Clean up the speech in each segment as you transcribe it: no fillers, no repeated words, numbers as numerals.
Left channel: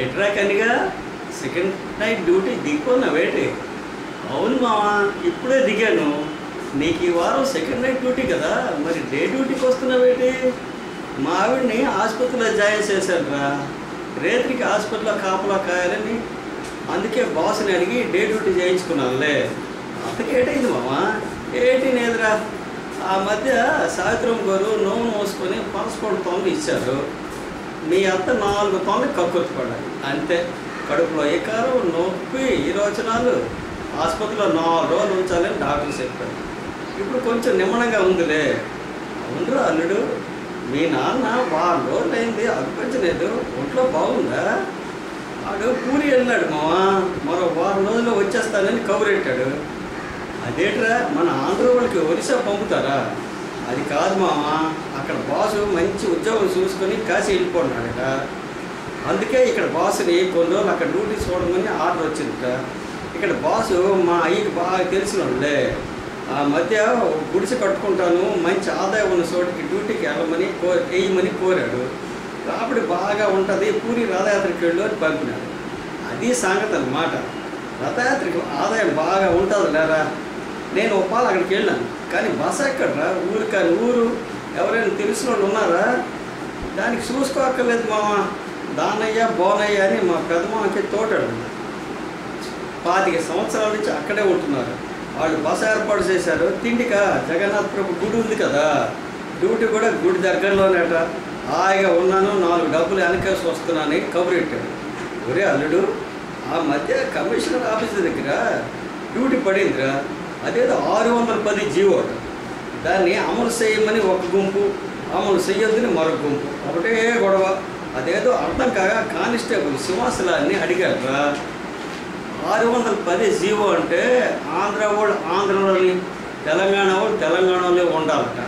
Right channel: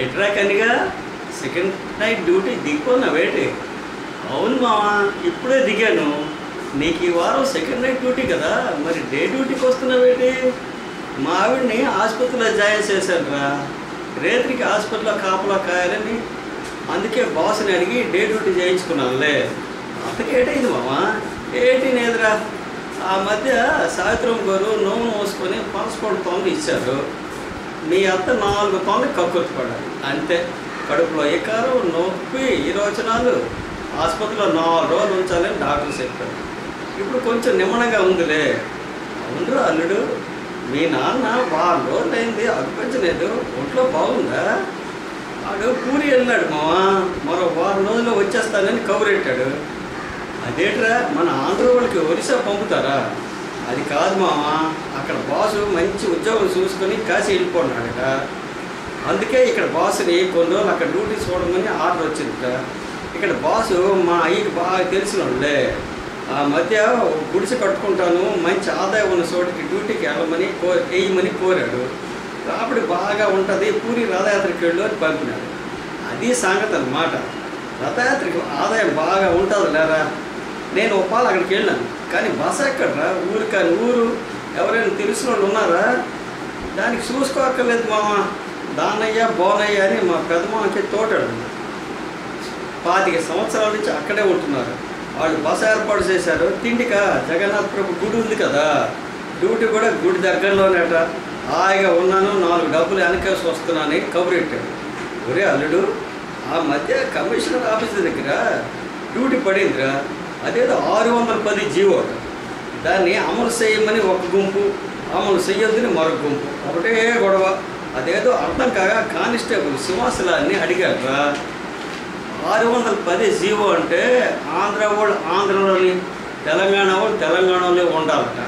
ఏట్రా Kaniga second night duty దిగిపోన్నావేటి? అవును మావా, ఇప్పుడే దిగాను. నీకు ఈ వారం సెకండ్ నైట్ డ్యూటీ కదా, మరి డే డ్యూటీకి వస్తున్నావేటి? మా ఆవిడ్ని ఆసుపత్రిలో జాయిన్ చేశానురా. రేత్రికి హాస్పిటల్లో కాపలా కాయాలని, అందుకే బాస్ని అడిగి డే డ్యూటీ చేయించుకున్నానులే. అంతకేటైంది మావా? ఏటి లేదురా. ఆ మధ్య సావిత్రమ్మ గారు నోము మోసుకొని పనసపొడి తొంగ ఇచ్చారు. మీ అత్త 4 తొంగ కక్కుర్తి పడాలి అంతే. కడుపులో ఎకారం, నొప్పి, విరోచనాలు. ఆసుపత్రిలో 4 రోజులు ఉంచాలని డాక్టర్ చెప్పారు. ఇప్పుడు కొంచెం నిమ్మడంగా ఉందిలే. అవునురా అల్లుడు, మీ నాన్న వారం రోజులైంది అనిపించలేదు, ఒంట్లో బాగుందా? వాడు పూరి వెళ్ళాడు మావా, మరో వారం రోజుల్లో వచ్చేస్తానని కబురెట్టాడు. అదేట్రా, మన ఆంధ్ర వాళ్ళకి ఒరిస్సా పంపుతారా? అది కాదు మావా, అక్కడ బాసు మంచి ఉద్యోగం చూసుకొని కాశీ వెళ్ళిపోన్నాడట. అందుకే ఇక్కడ బాసుని కొన్ని రోజులు అక్కడ డ్యూటీ చూడమని ఆర్డర్ వచ్చిందట. ఇక్కడ బాసు మా అయ్యకి బాగా తెలిసిన వాళ్ళే. ఆ మధ్య గుడిసె కట్టుకుంటాను, మంచి ఆదాయం ఉన్న చోటికి డ్యూటీకి వెళ్ళమని వేయమని కోరాడు. రాబడి బాగా ఉంటుంది, పూరి రథయాత్రకి వెళ్ళు అని పంపినాడు. అది సంగతి అన్నమాట. రథయాత్రకి ఆదాయం బాగా ఉంటుంది లేరా. నేను ఒప్పాలు అక్కడికి వెళ్ళాను, కానీ బస ఎక్కడరా? ఊరు కానీ ఊరు ఎవరైనా తెలిసిన వాళ్ళు ఉన్నారా? దానికి చూసుకోక్కర్లేదు మామ. దానయ్య బోనయ్య అని మా పెద్దమ్మకి తోటాడు. 25 సంవత్సరాల నుంచి అక్కడే ఉంటున్నారు. వాళ్ళు బస ఏర్పాటు చేశారు. తిండిక జగన్నాథ్ ప్రభు గుడి ఉంది కదా, డ్యూటీ కూడా గుడి దగ్గరలోనేట. హాయిగా ఉన్నాను, 4 డబ్బులు వెనకేసి వస్తున్నానని కబురెట్టాడు. ఒరే అల్లుడు, ఆ మధ్య కమిషనర్ ఆఫీస్ దగ్గర డ్యూటీ పడిందిరా. అదేదో 610 జీవో. దాన్ని అమలు చేయమని ఒక గుంపు, అమలు చెయ్యొద్దని మరొక గుంపు, ఒకటే గొడవ. అదేదో అర్థం కాగా కానిస్టేబుల్ సింహాసనాన్ని అడిగారా. 610 జీవో అంటే ఆంధ్ర వాళ్ళు ఆంధ్రలోని, తెలంగాణ వాళ్ళు తెలంగాణలో ఉండాలట.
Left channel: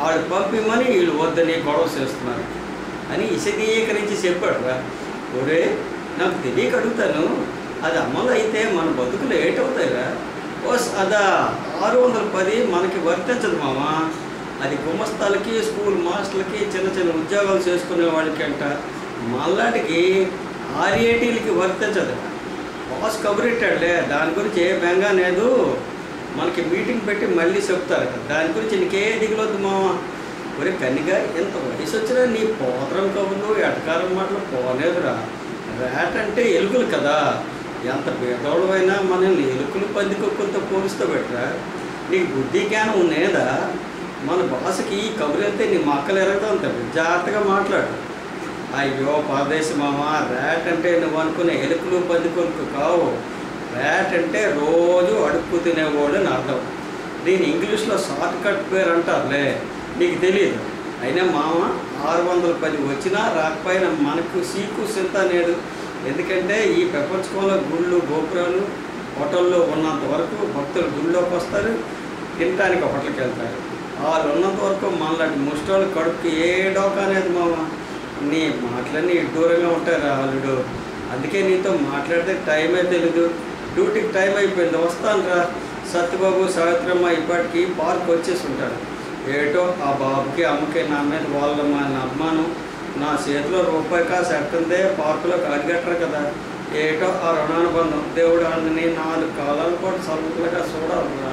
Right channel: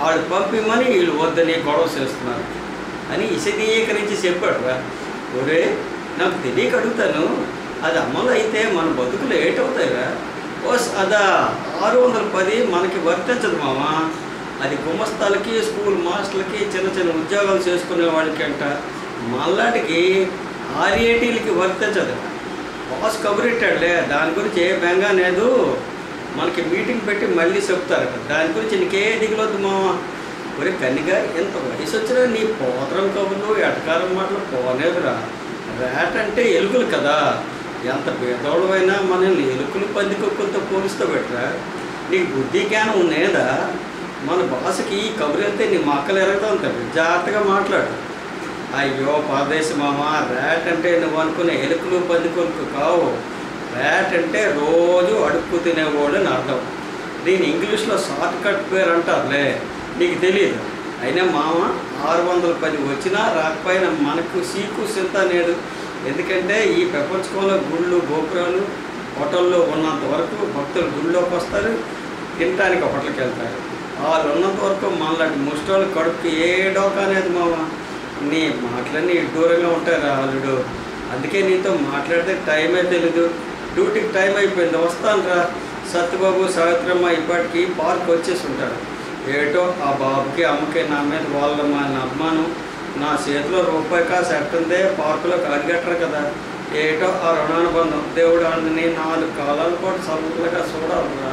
వాళ్ళు పంపిమని వీళ్ళు వద్దని గొడవ చేస్తున్నారు అని విశదీకరించి చెప్పాడురా. ఒరే, నాకు తెలియక అడుగుతాను, అది అమలు అయితే మన బతుకులు ఏటవుతాయిరా? ఓస్ అదా 610 మనకి వర్తించదు మామా. అది గుమస్తాలకి, స్కూల్ మాస్టర్లకి, చిన్న చిన్న ఉద్యోగాలు చేసుకునే వాళ్ళకి అంట. మళ్ళాటికి RATలకి వర్తించదు. బాస్ కబురెట్టాడులే, దాని గురించి ఏ బెంగా లేదు. మనకి మీటింగ్ పెట్టి మళ్ళీ చెప్తారట. దాని గురించి నీకే దిగులొద్దు మామా. ఒరే కన్నిగా, ఎంత వయసు వచ్చినా నీ పోతరం కబుర్లు, ఎటకారం మాటలు పోనేదురా. ర్యాట్ అంటే ఎలుకలు కదా, ఎంత పేదవాళ్ళైనా మనల్ని ఎలుకలు పందికొక్కులతో పోలిస్తూ పెట్టరా. నీకు బుద్ధి జ్ఞానం ఉన్నదా? మన భాషకి ఈ కబురు వెళ్తే నీ మక్కలు ఎరగదాం తప్పి జాగ్రత్తగా మాట్లాడు. అయ్యో పరదేశి మామ, ర్యాట్ అంటే నువ్వు అనుకునే ఎలుకలు పందికొలుకు కావు. ర్యాట్ అంటే రోజు అడుక్కు తినేవాళ్ళు అని అర్థం. దీని ఇంగ్లీష్లో షార్ట్ కట్ పేరు అంటారులే, నీకు తెలియదు. అయినా మామ, 610 వచ్చినా రాకపోయినా మనకు సీకు చింత నేడు. ఎందుకంటే ఈ ప్రపంచంలో గుళ్ళు, గోపురాలు, హోటల్లో ఉన్నంత వరకు భక్తులు గుళ్ళోకి వస్తారు, తినడానికి హోటల్కి వెళ్తారు. వాళ్ళు ఉన్నంత వరకు మనలాంటి ముష్టోళ్ళు కడుపుకి ఏ డోకా అనేది మామ. నీ మాటలన్నీ దూరంగా ఉంటారు అల్లుడు. అందుకే నీతో మాట్లాడితే టైమే తెలీదు. డ్యూటీకి టైం అయిపోయింది, వస్తాను రా. సత్యబాబు, సావిత్రమ్మ ఇప్పటికీ పార్క్ వచ్చేసి ఉంటారు. ఏటో ఆ బాబుకి అమ్మకి నా మీద వాళ్ళ అమ్మాను. నా చేతిలో రూపాయి కాసు ఎట్టుందే, పార్కులోకి అడిగట్టరు కదా. ఏటో ఆ రుణానుబంధం. దేవుడు అందుని 4 కాలాల పాటు సరుకులుగా చూడాలరా.